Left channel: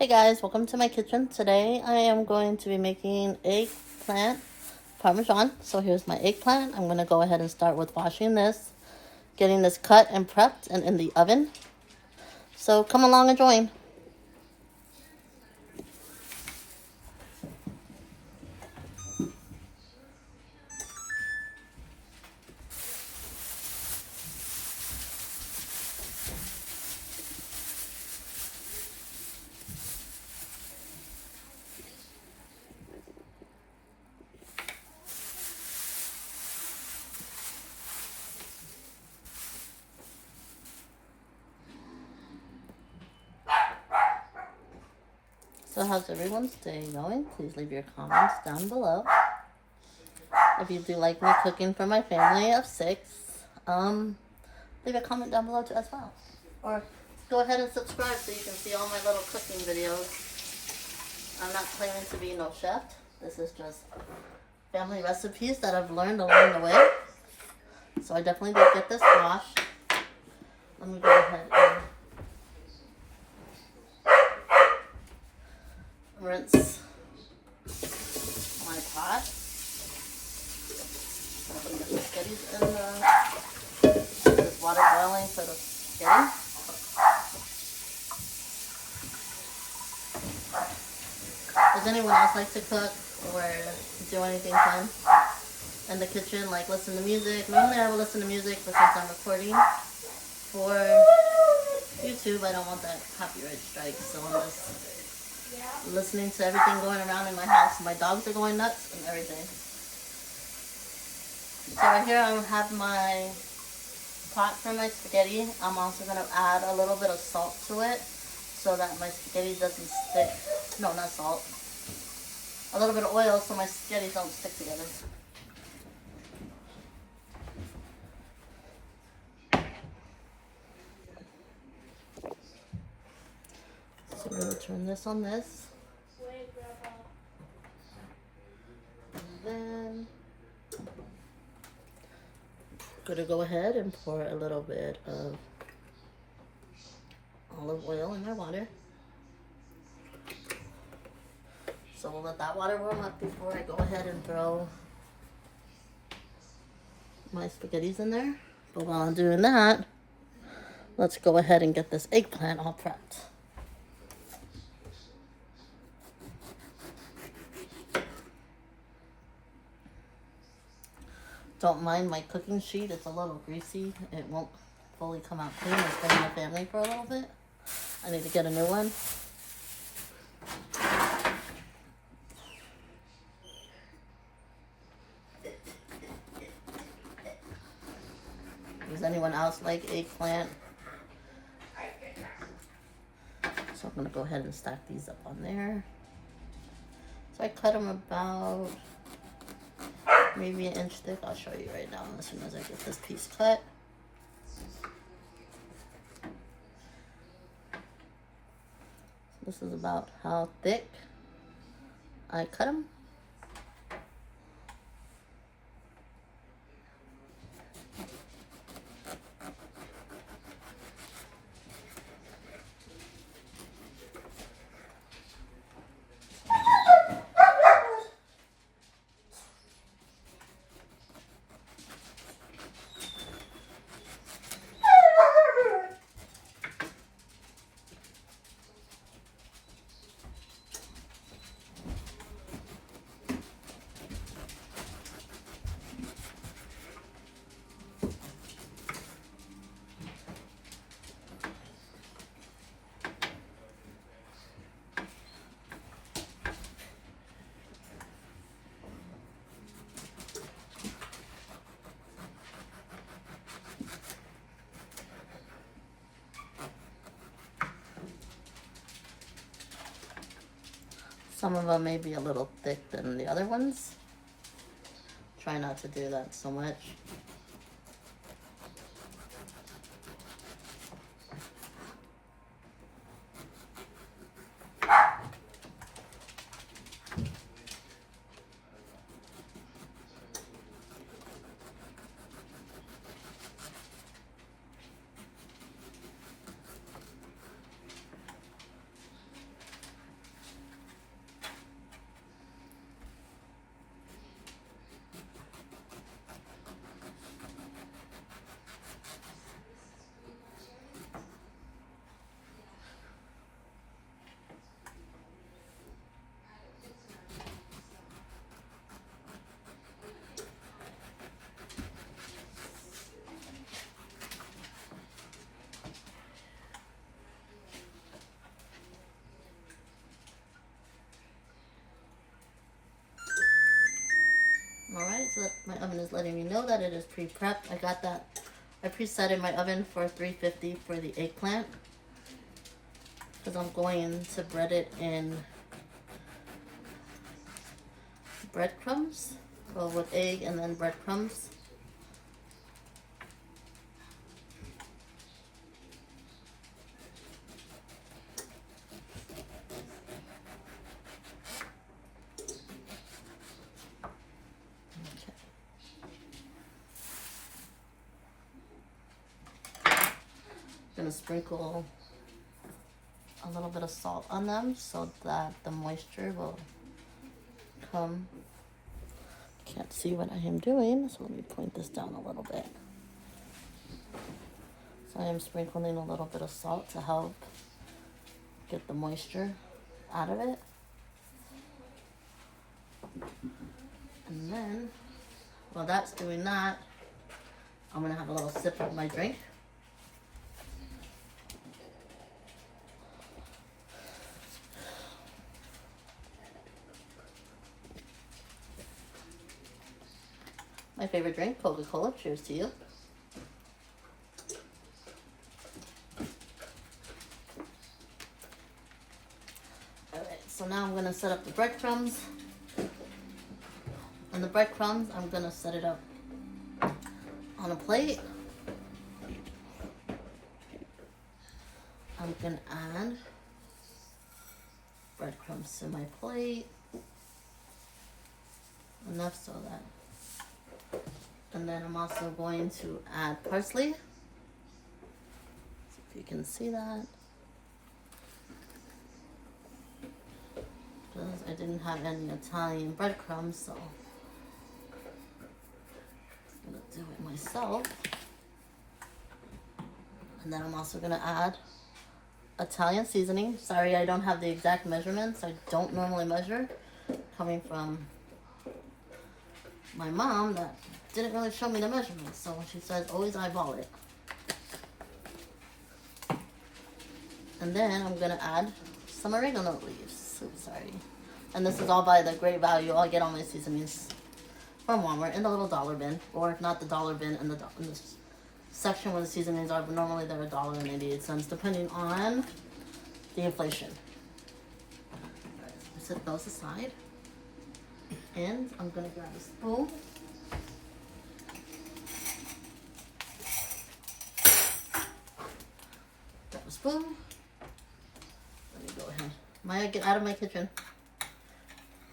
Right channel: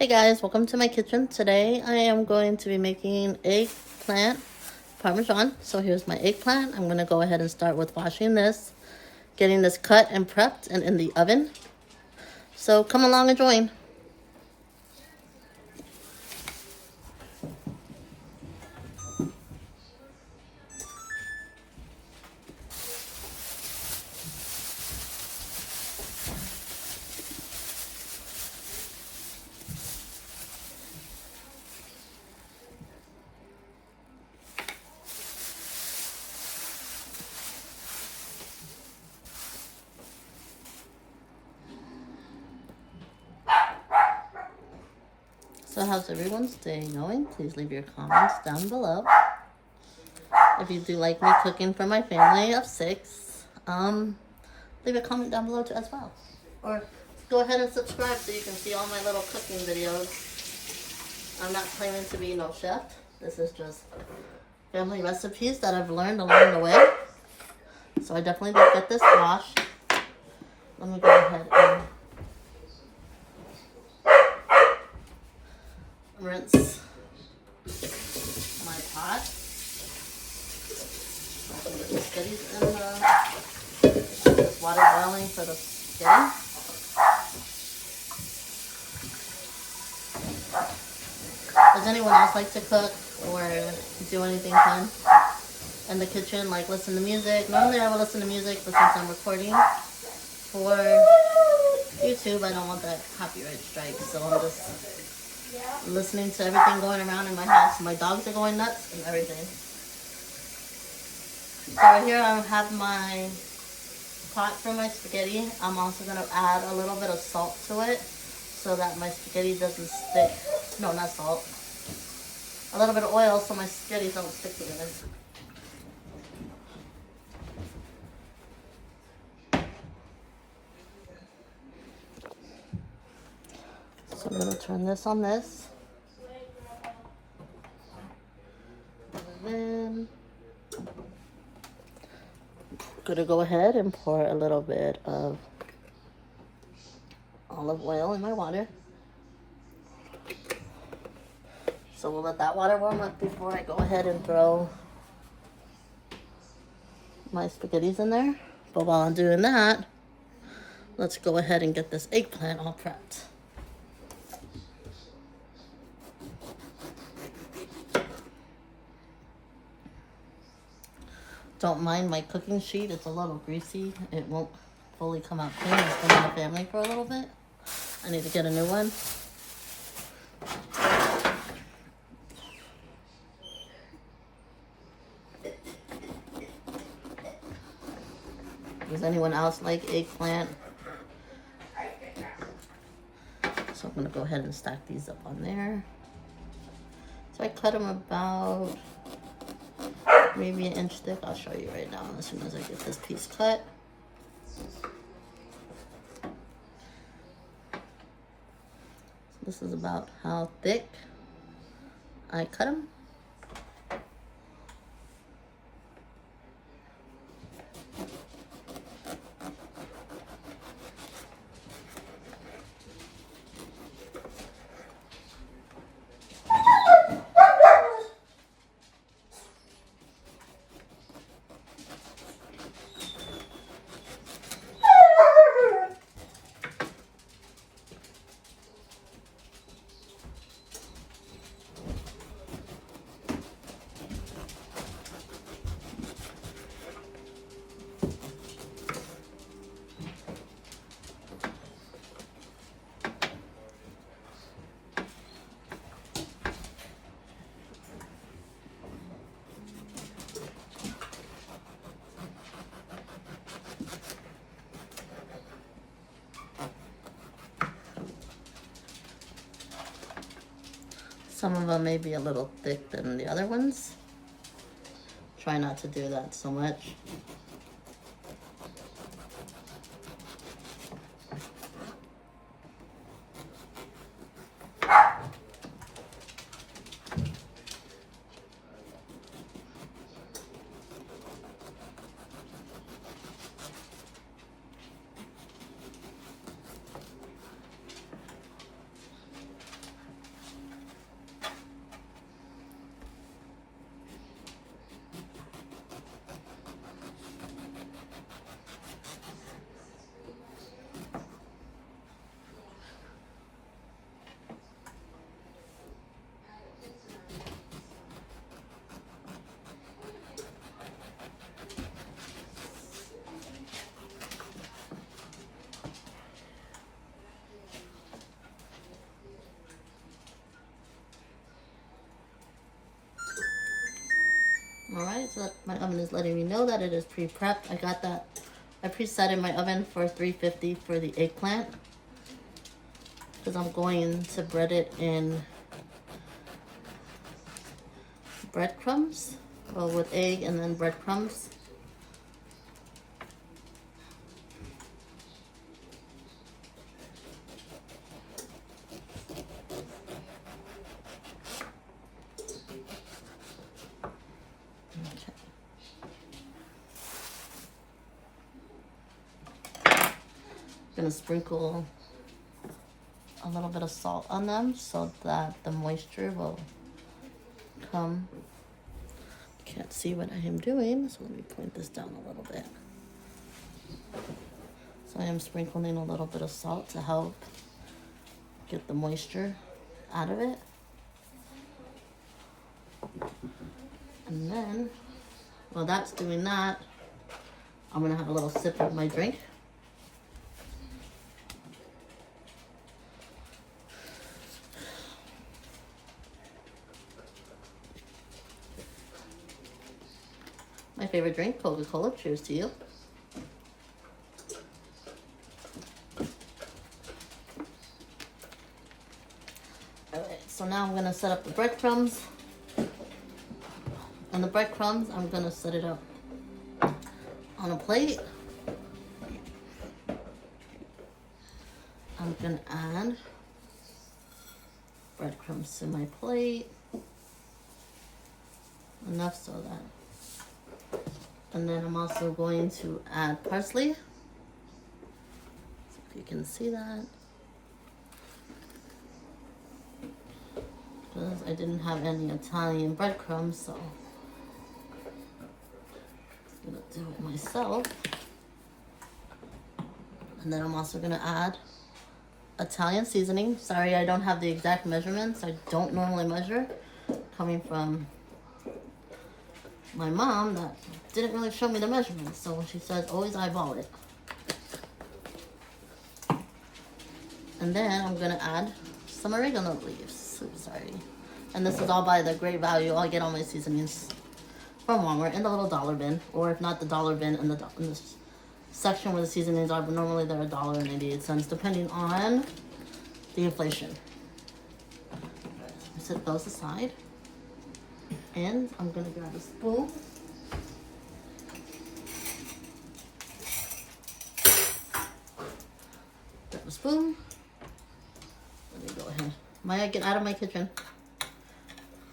Hey guys, welcome to my kitchen. Today I am going to be making eggplant parmesan. So here's my eggplant. I'm going to go ahead and start with washing this, getting this cut and prepped and in the oven. So come along and join. So how's everyone's day going? Please leave your comments down below. If you do like me cooking for my family of 6, leave a comment down below too as well. Or go ahead and subscribe so you can see all my little cooking videos. I'm not claiming to be no chef. This is just family recipes that I've learned along the way. So I definitely did get this washed. Let me go ahead and rinse my pot. I can get the spaghettis in this water boiling for the spaghetti. Does anyone else like to cook or do anything fun in the kitchen, like listen to music? Normally I will listen to music, but since I'm recording for YouTube, I don't want that copyright strike, so I'm just listening to everything going around in my house. My dogs are going nuts and everything. So right here I have my pot for my spaghetti. I'm also going to add a little bit of salt to it so that my spaghetti doesn't stick. No, not salt. A little bit of oil so my spaghetti don't stick together. So I'm going to turn this on this. And then I'm going to go ahead and pour a little bit of olive oil in my water. So we'll let that water warm up before I go ahead and throw my spaghettis in there. But while I'm doing that, let's go ahead and get this eggplant all prepped. Don't mind my cooking sheet, it's a little greasy. It won't fully come out clean. It's been in the family for a little bit. I need to get a new one. Does anyone else like eggplant? So I'm gonna go ahead and stack these up on there. So I cut them about maybe an inch thick. I'll show you right now as soon as I get this piece cut. This is about how thick I cut them. Some of them may be a little thick than the other ones. Try not to do that so much. oven is letting me know that it is pre-prepped. I got that. I preset in my oven for 350 for the eggplant because I'm going to bread it in breadcrumbs, well, with egg and then breadcrumbs. Gonna sprinkle a little bit of salt on them so that the moisture will come. Can't see what I am doing, so let me point this down a little bit. So I am sprinkling a little bit of salt to help get the moisture out of it. And then, while that's doing that, I'm gonna have a little sip of my drink. My favorite drink, Coca-Cola. Cheers to you. Alright, so now I'm gonna set up the breadcrumbs. And the breadcrumbs, I'm gonna set it up on a plate. I'm gonna add breadcrumbs to my plate. Enough so that. And then I'm also going to add parsley. So if you can see that. Because I didn't have any Italian breadcrumbs, so I'm gonna do it myself. And then I'm also gonna add Italian seasoning. Sorry, I don't have the exact measurements. I don't normally measure. Coming from my mom that didn't really show me the measurements, so she says always eyeball it. And then I'm gonna add some oregano leaves. Oops, sorry. And this is all by the Great Value. I get all my seasonings from Walmart in the little dollar bin, or if not the dollar bin in the section where the seasonings are, but normally they're $1.88 depending on the inflation. I set those aside. And I'm gonna grab a spoon. Grab a spoon. Let me go ahead. Maya, get out of my kitchen.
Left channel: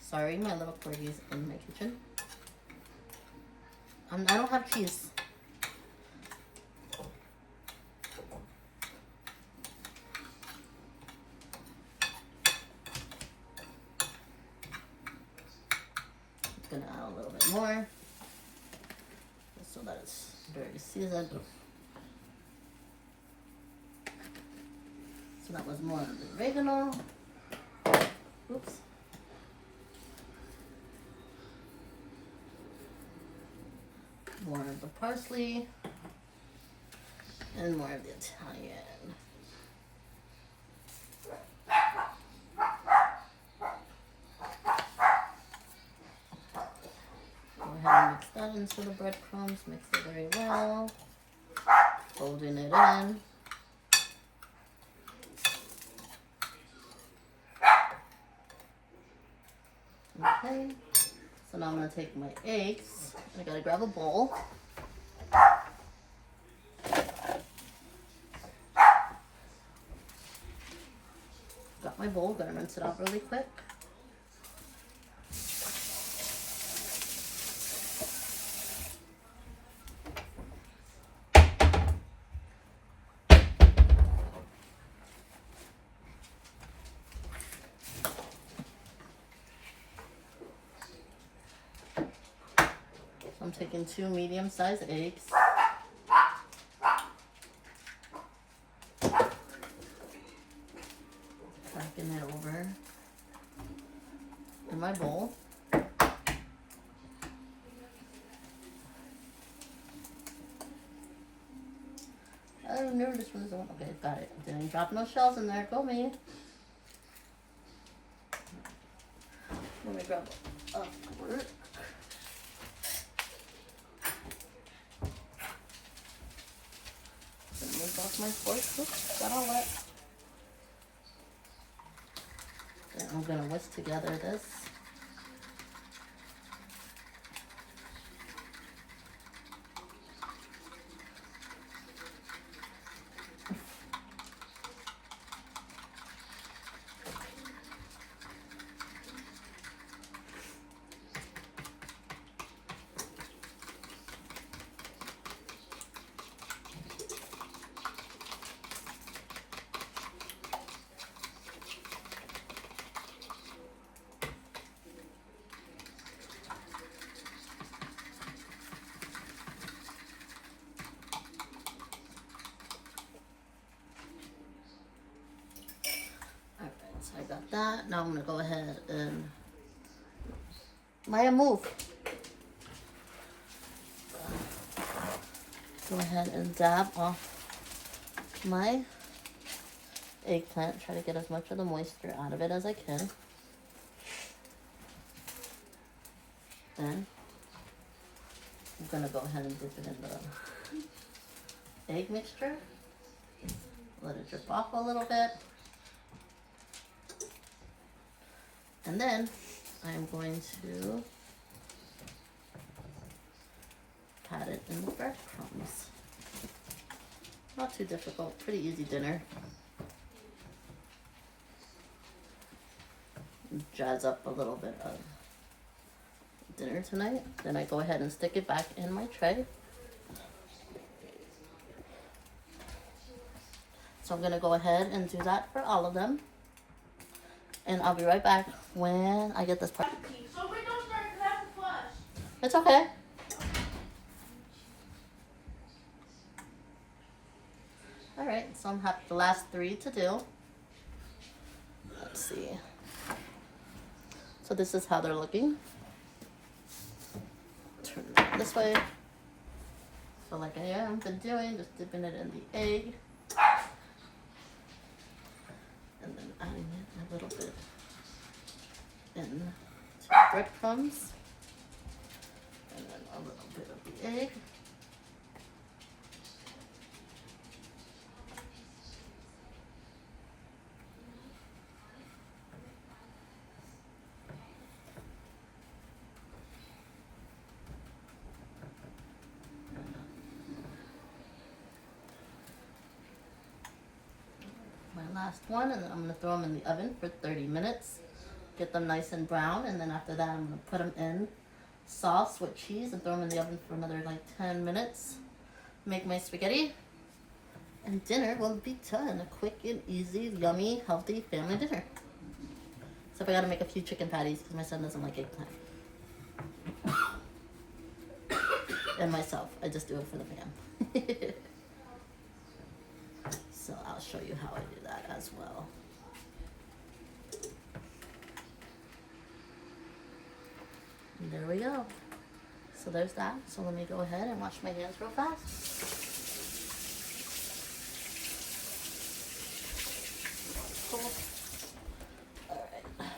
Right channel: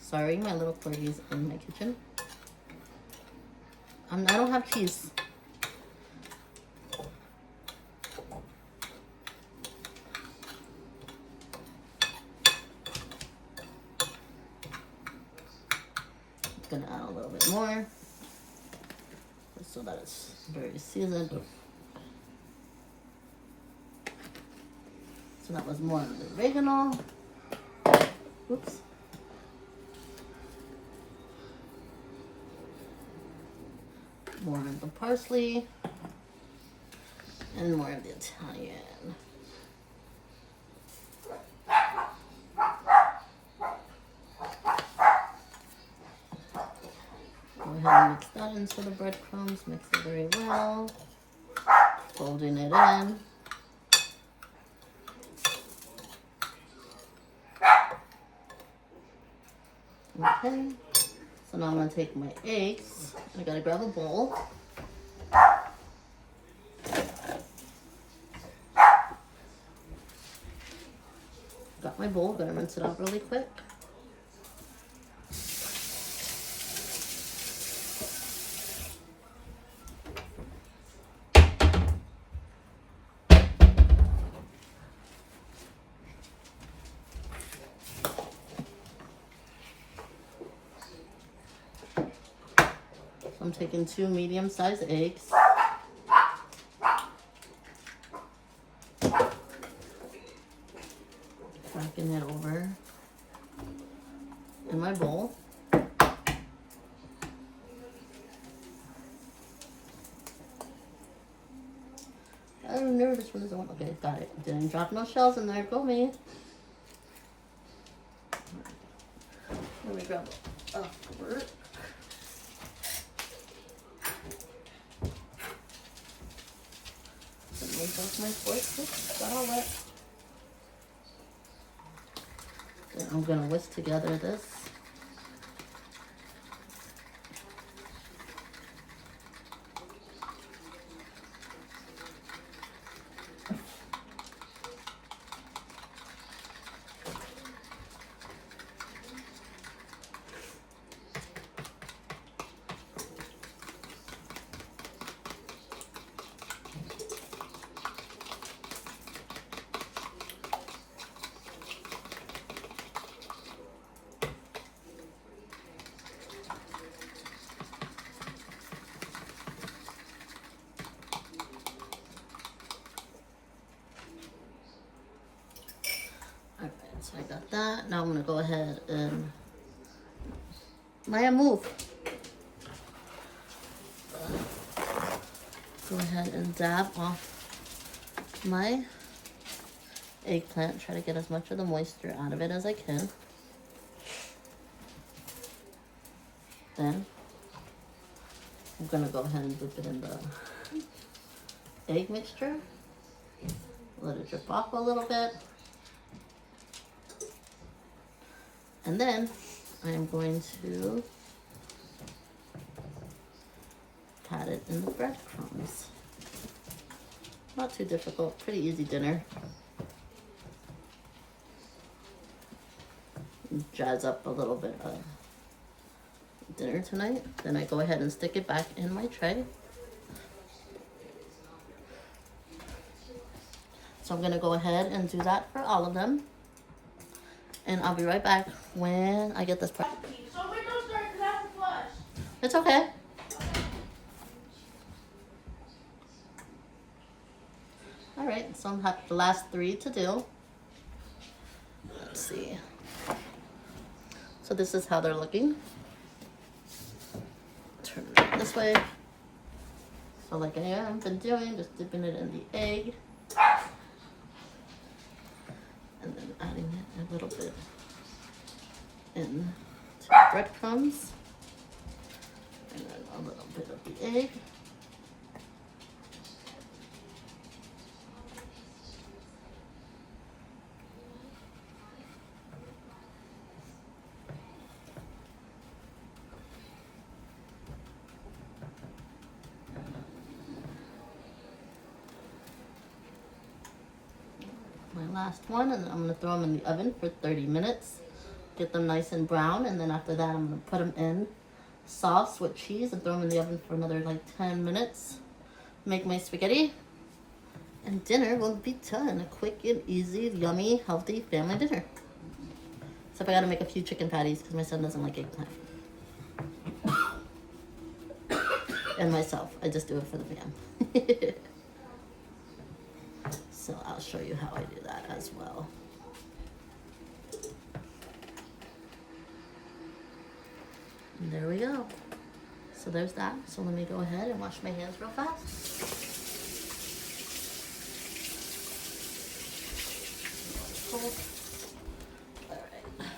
Sorry, my little corgi's in my kitchen. I don't have keys. Gonna add a little bit more just so that it's very seasoned. So that was more of the oregano. Oops. More of the parsley and more of the Italian. Go ahead and mix that into the breadcrumbs, mix it very well, folding it in. Okay, so now I'm gonna take my eggs, I gotta grab a bowl. Got my bowl, gonna rinse it out really quick. I'm taking 2 medium-sized eggs. Cracking it over in my bowl. Oh no, this one isn't one. Okay, got it. Didn't drop no shells in there. Go me. Let me grab a fork. Take off my fork. Oops, got all wet. Then I'm gonna whisk together this. So I got that. Now I'm gonna go ahead and Maya, move. Go ahead and dab off my eggplant. Try to get as much of the moisture out of it as I can. Then I'm gonna go ahead and dip it in the egg mixture. Let it drip off a little bit. And then I'm going to pat it in the breadcrumbs. Not too difficult, pretty easy dinner. Jazz up a little bit of dinner tonight. Then I go ahead and stick it back in my tray. So I'm gonna go ahead and do that for all of them. And I'll be right back when I get this part. So we don't start to have to flush. It's okay. All right, so I'm have the last 3 to do. Let's see. So this is how they're looking. Turn it this way. So like I have been doing, just dipping it in the egg. And then adding it a little bit in to the breadcrumbs. And then a little bit of the egg. My last one, and then I'm gonna throw them in the oven for 30 minutes. Get them nice and brown, and then after that I'm gonna put them in sauce with cheese and throw them in the oven for another like 10 minutes. Make my spaghetti, and dinner will be done. A quick and easy, yummy, healthy family dinner. Except I gotta make a few chicken patties because my son doesn't like eggplant. And myself, I just do it for the fam. So I'll show you how I do that as well. And there we go. So there's that. So let me go ahead and wash my hands real fast. All right.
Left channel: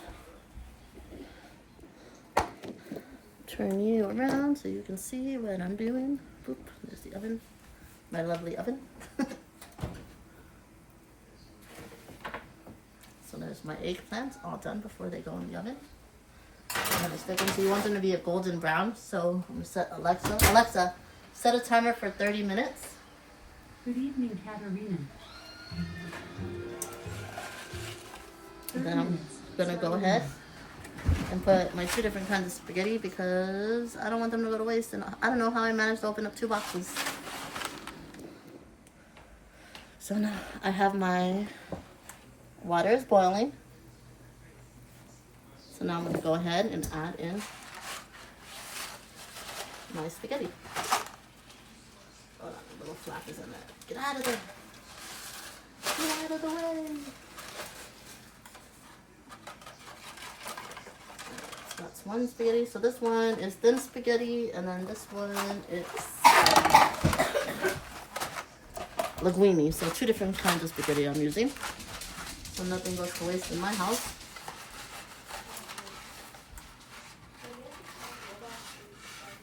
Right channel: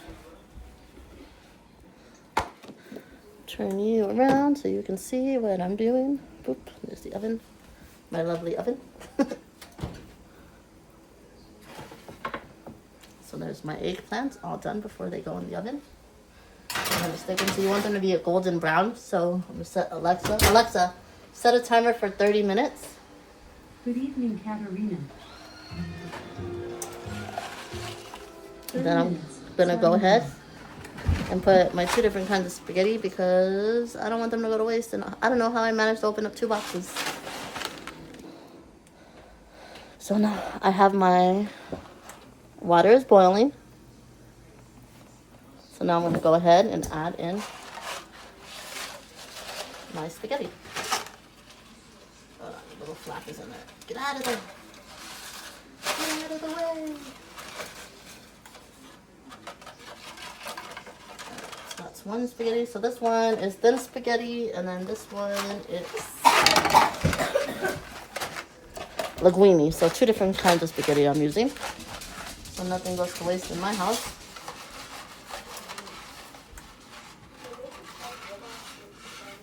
Turn you around so you can see what I'm doing. Boop, there's the oven. My lovely oven. So there's my eggplants all done before they go in the oven. I'm gonna stick them. So you want them to be a golden brown. So I'm gonna set Alexa, set a timer for 30 minutes. Good evening, Katerina. And then I'm gonna go ahead and put my 2 different kinds of spaghetti because I don't want them to go to waste. And I don't know how I managed to open up 2 boxes. So now I have my water is boiling. So now I'm going to go ahead and add in my spaghetti. Hold on, the little flap is in there. Get out of there. Get out of the way. So that's one spaghetti. So this one is thin spaghetti, and then this one is linguine. So 2 different kinds of spaghetti I'm using. So nothing goes to waste in my house.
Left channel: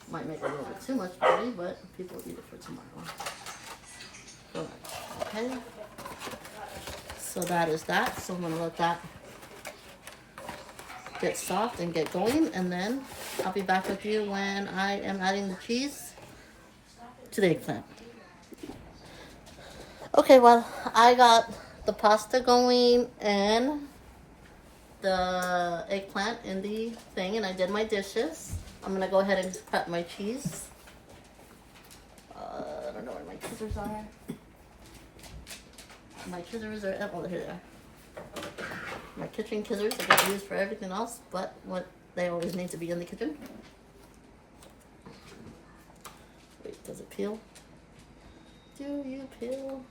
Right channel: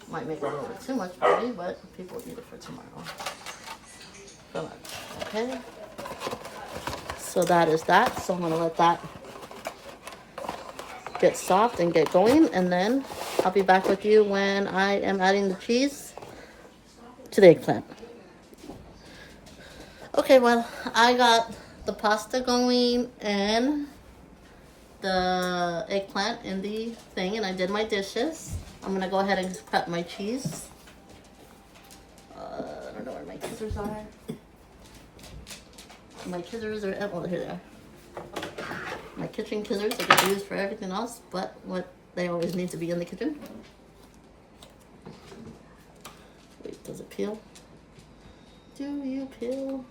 Might make a little bit too much spaghetti, but people eat it for tomorrow. So much. Okay. So that is that. So I'm gonna let that get soft and get going, and then I'll be back with you when I am adding the cheese to the eggplant. Okay, well, I got the pasta going and the eggplant in the thing, and I did my dishes. I'm gonna go ahead and prep my cheese. I don't know where my scissors are. My scissors are, oh, here they are. My kitchen scissors I get used for everything else, but what they always need to be in the kitchen. Wait, does it peel? Do you peel?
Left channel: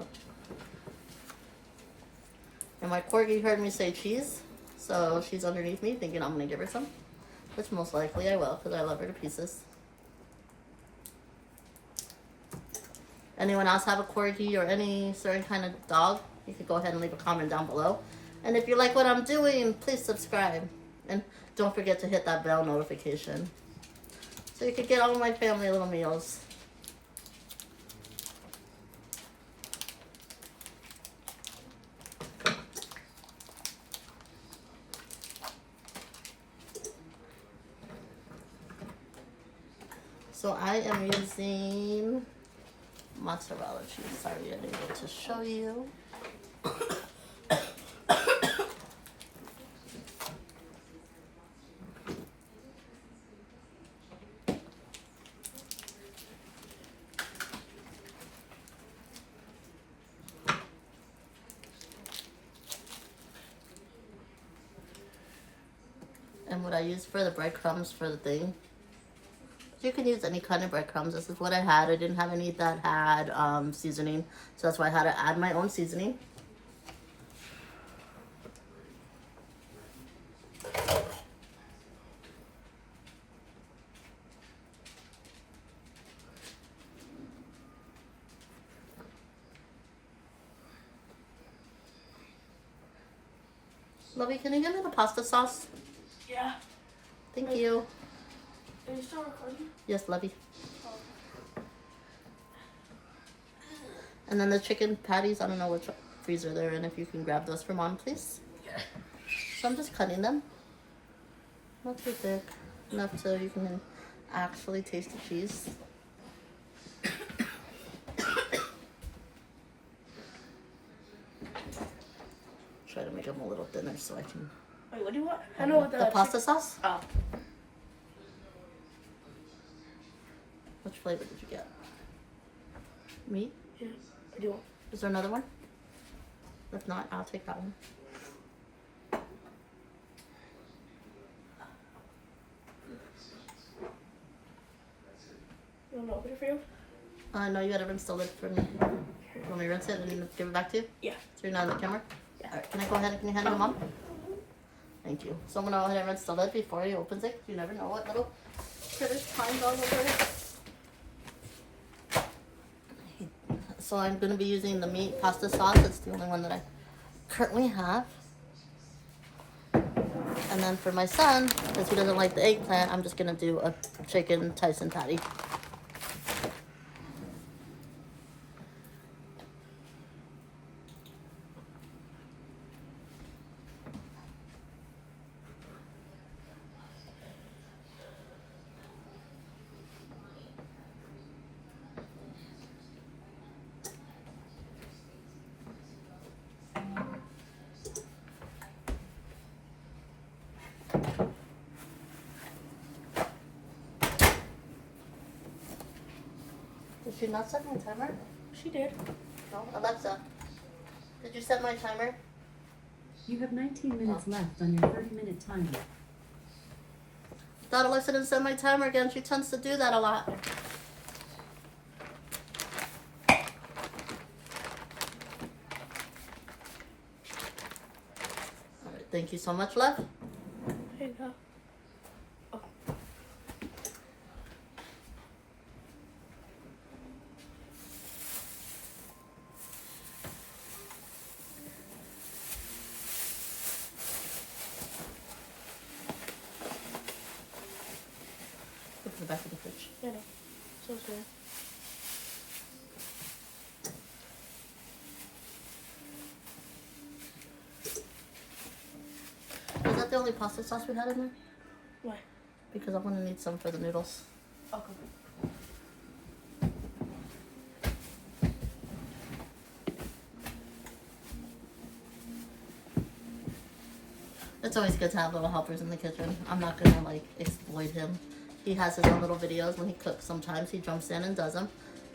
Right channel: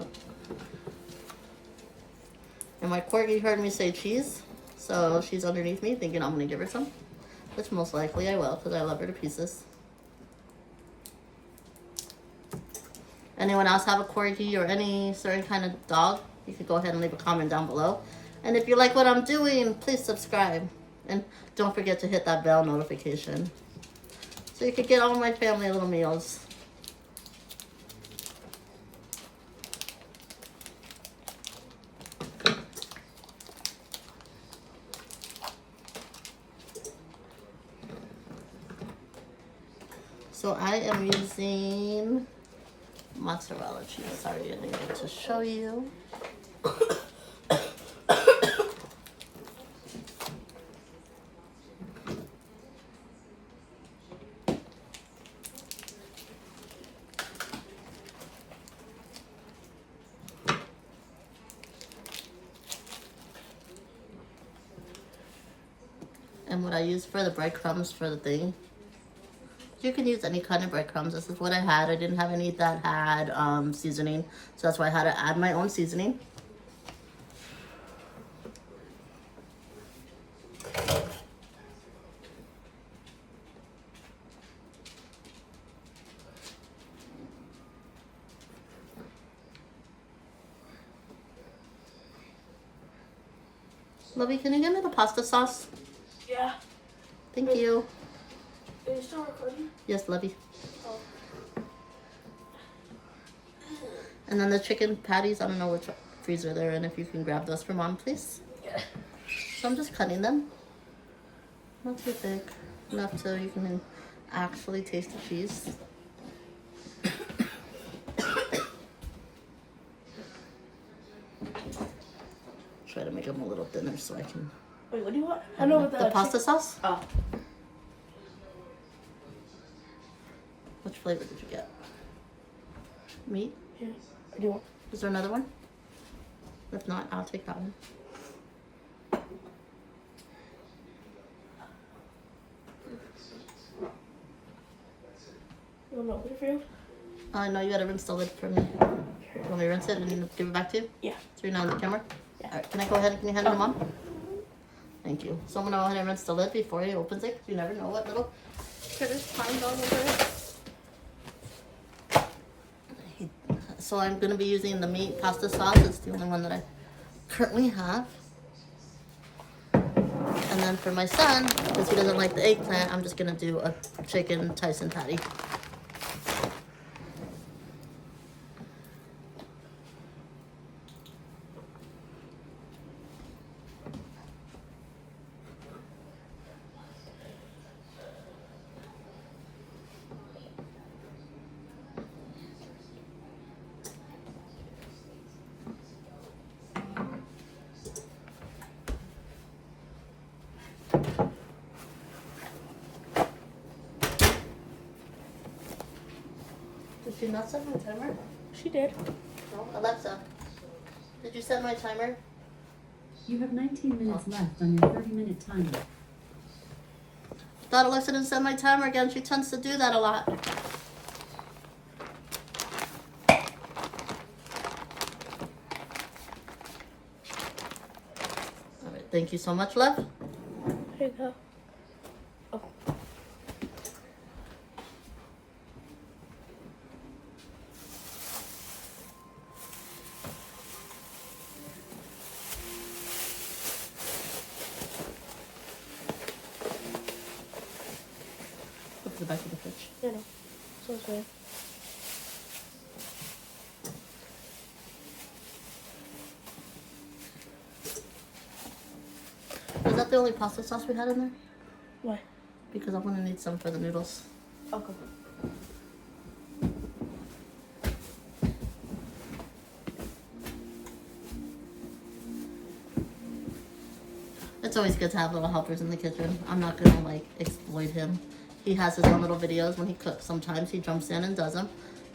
No. And my corgi heard me say cheese, so she's underneath me thinking I'm gonna give her some, which most likely I will, because I love her to pieces. Anyone else have a corgi or any certain kind of dog? You could go ahead and leave a comment down below. And if you like what I'm doing, please subscribe. And don't forget to hit that bell notification, so you could get all my family little meals. So I am using mozzarella cheese. Sorry, I didn't get to show you. And what I use for the breadcrumbs for the thing, you can use any kind of breadcrumbs. This is what I had. I didn't have any that had seasoning, so that's why I had to add my own seasoning. Lovey, can you give me the pasta sauce? Yeah. Thank you. Are you still recording? Yes, Lovey. And then the chicken patties, I don't know which freezer they're in. If you can grab those for Mom, please. Yeah. So I'm just cutting them. Not too thick. Enough so you can actually taste the cheese. Try to make them a little thinner so I can... Wait, what do you want? I know what the pasta sauce? Oh. Which flavor did you get? Meat? Yeah. What do you want? Is there another one? If not, I'll take that one. You want to open it for you? No, you gotta rinse the lid for me. You want me to rinse it and give it back to you? Yeah. So you're not on the camera? Yeah. Alright, can I go ahead and can you hand it to Mom? Thank you. So I'm gonna go ahead and rinse the lid before he opens it, because you never know what little critters climbed all over it. So I'm gonna be using the meat pasta sauce. It's the only one that I currently have. And then for my son, because he doesn't like the eggplant, I'm just gonna do a chicken Tyson patty. Did you not set my timer? She did. No? Alexa, did you set my timer? You have 19 minutes left on your 30-minute timer. I thought Alexa didn't set my timer again. She tends to do that a lot. Alright, thank you so much, love. Here you go. Oh. Look at the back of the fridge. Yeah, no. So sorry. the only pasta sauce we had in there? Why? Because I'm gonna need some for the noodles. Okay. It's always good to have little helpers in the kitchen. I'm not gonna like exploit him. He has his own little videos when he cooks. Sometimes he jumps in and does them.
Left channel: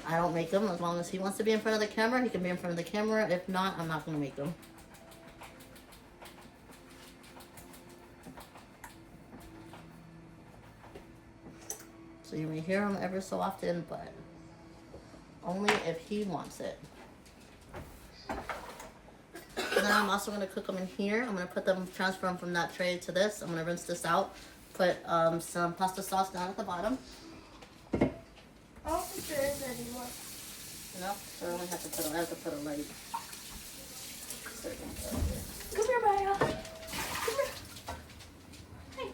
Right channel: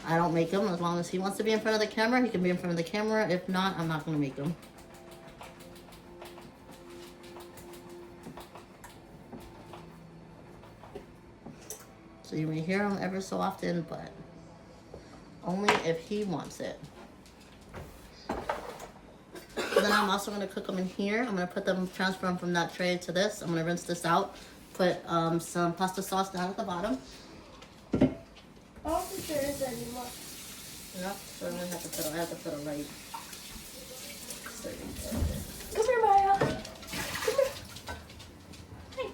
I don't make them. As long as he wants to be in front of the camera, he can be in front of the camera. If not, I'm not gonna make them. So you may hear him ever so often, but only if he wants it. Then I'm also going to cook them in here. I'm going to put them, transfer them from that tray to this. I'm going to rinse this out. Put some pasta sauce down at the bottom. I don't think there is any more. Yep, so I have to put a light. Come here, Maya. Come here. Hey.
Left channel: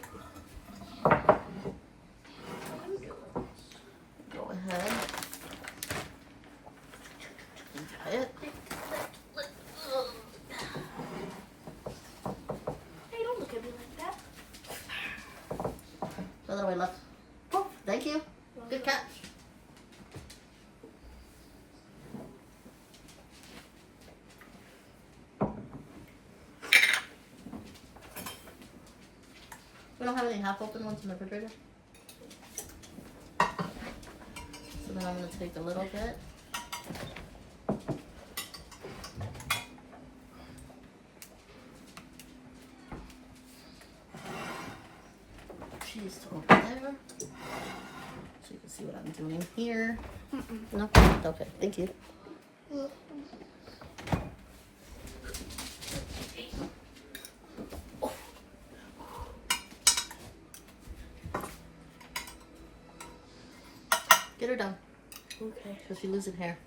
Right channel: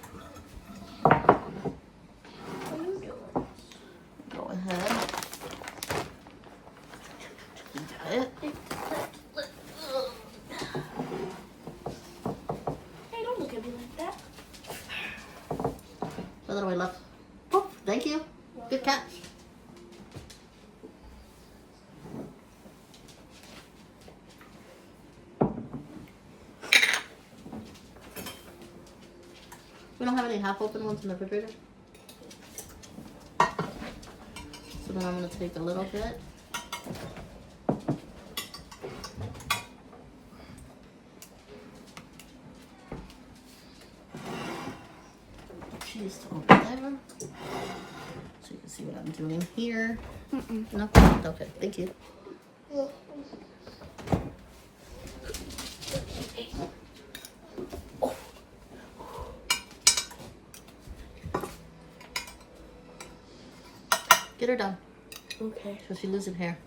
What are you doing? Go ahead. You got it. Hey, don't look at me like that. The other way left. Poof, thank you. Good catch. We don't have any half-open ones in the refrigerator. So then I'm going to take a little bit. Cheese over there. So you can see what I'm doing here. No? Okay, thank you. Get her down Okay. so she loses hair.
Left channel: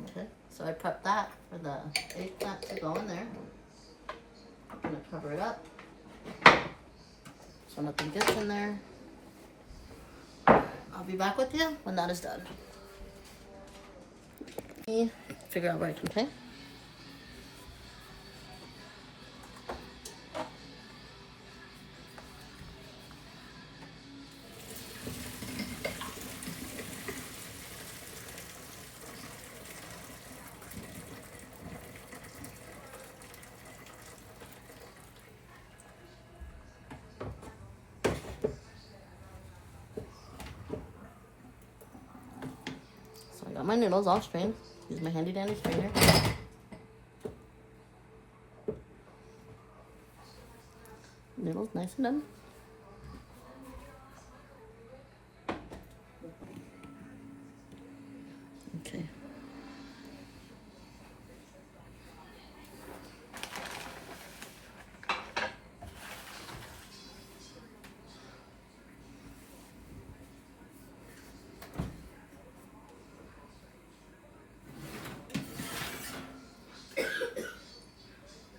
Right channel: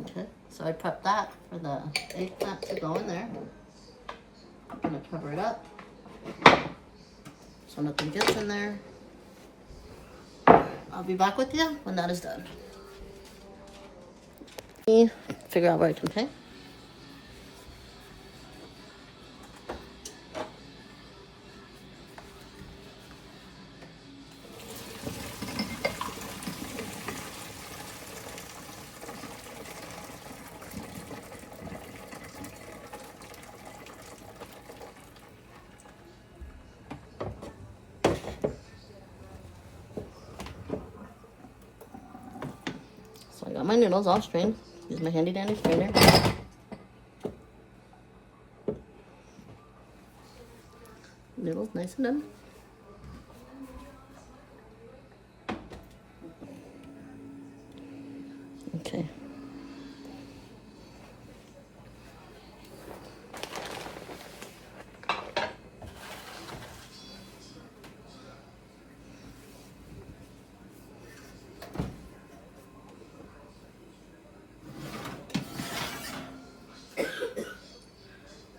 Okay, so I prepped that for the eggplant to go in there. I'm gonna cover it up so nothing gets in there. I'll be back with you when that is done. Figure out where I can pay. So I got my noodles all strained. Use my handy dandy strainer. Noodles nice and done. Okay.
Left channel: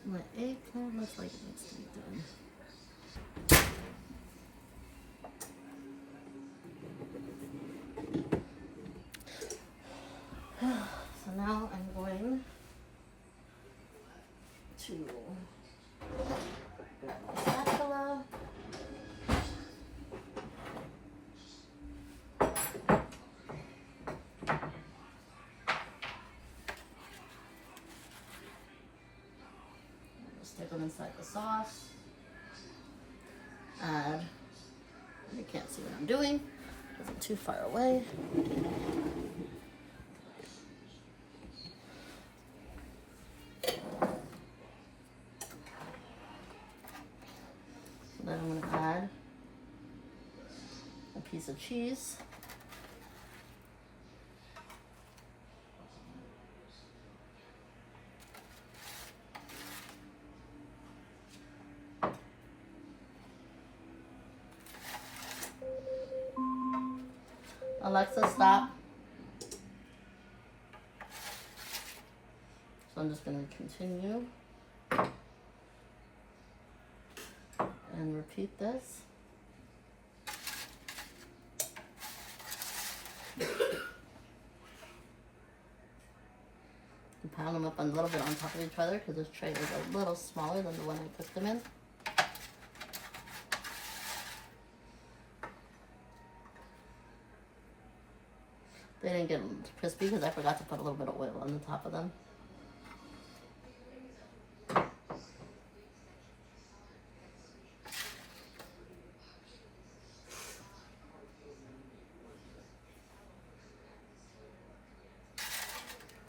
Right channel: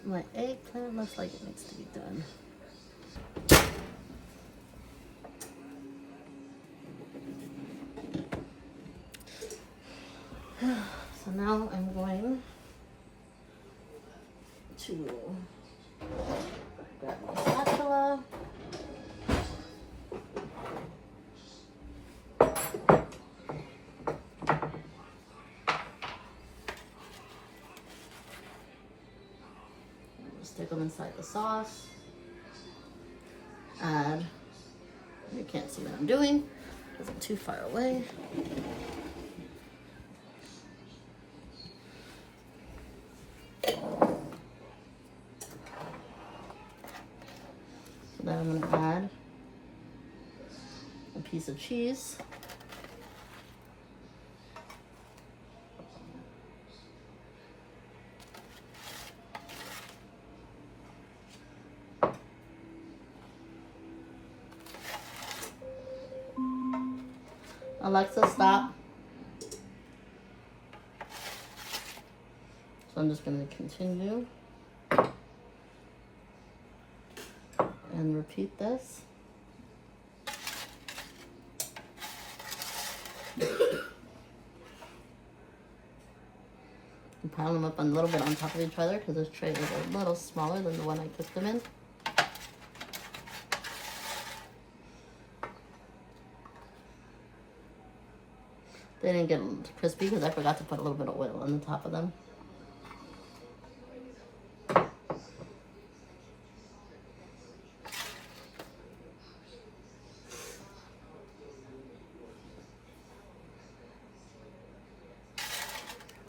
My eggplant looks like it needs to be done. So now I'm going to grab my spatula. Stick them inside the sauce. Add, you can't see what I'm doing because I'm too far away. So then I'm going to add a piece of cheese. Alexa, stop. So I'm just going to continue and repeat this. And pile them up a little bit on top of each other because this tray is a little smaller than the one I cooked them in. They didn't get crispy because I forgot to put a little bit of oil on the top of them.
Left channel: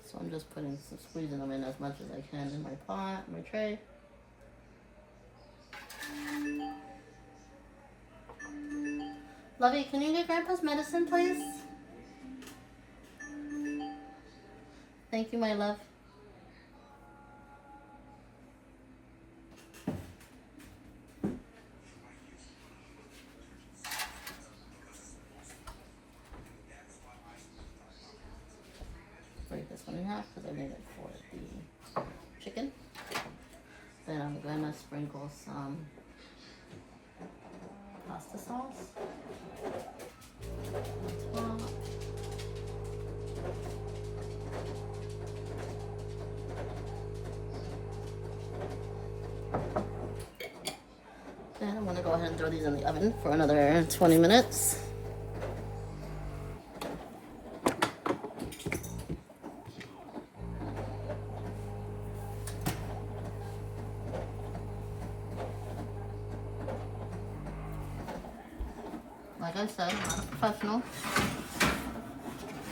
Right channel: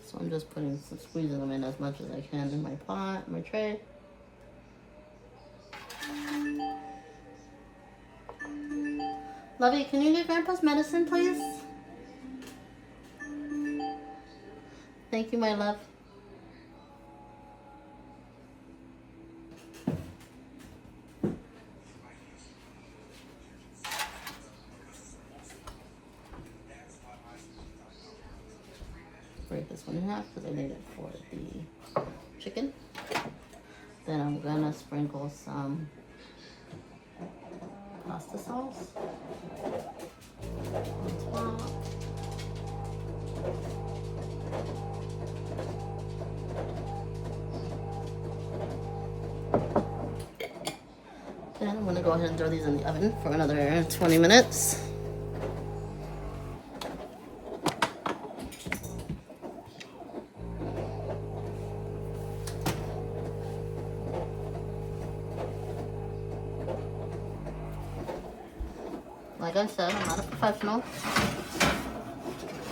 So I'm just squeezing them in as much as I can in my pot, my tray. Lovey, can you get Grandpa's medicine, please? Thank you, my love. Break this one in half because I need it for the chicken. Then I'm gonna sprinkle some pasta sauce on top. Then I'm gonna go ahead and throw these in the oven for another 20 minutes. Like I said, I'm not a professional.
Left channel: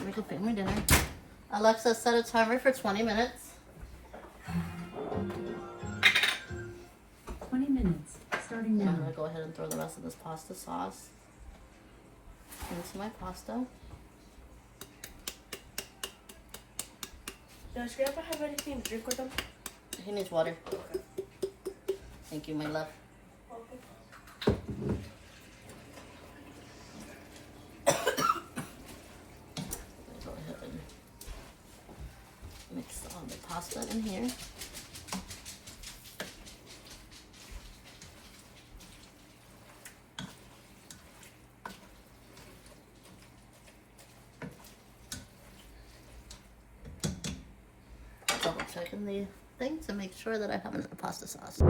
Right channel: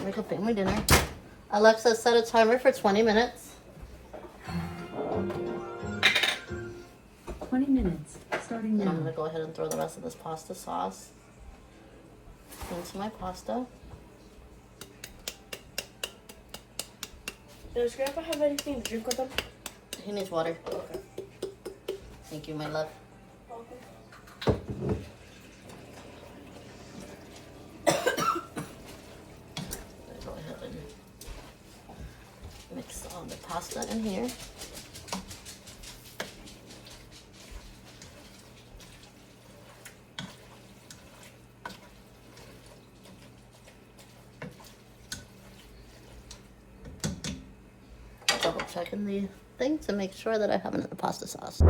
Make a family dinner. Alexa, set a timer for 20 minutes. 20 minutes, starting Then now. I'm going to go ahead and throw the rest of this pasta sauce into my pasta. Does Grandpa have anything to drink with him? He needs water. Okay. Thank you, my love. Go ahead and mix all the pasta in here. Double checking the thing to make sure that I have enough pasta sauce.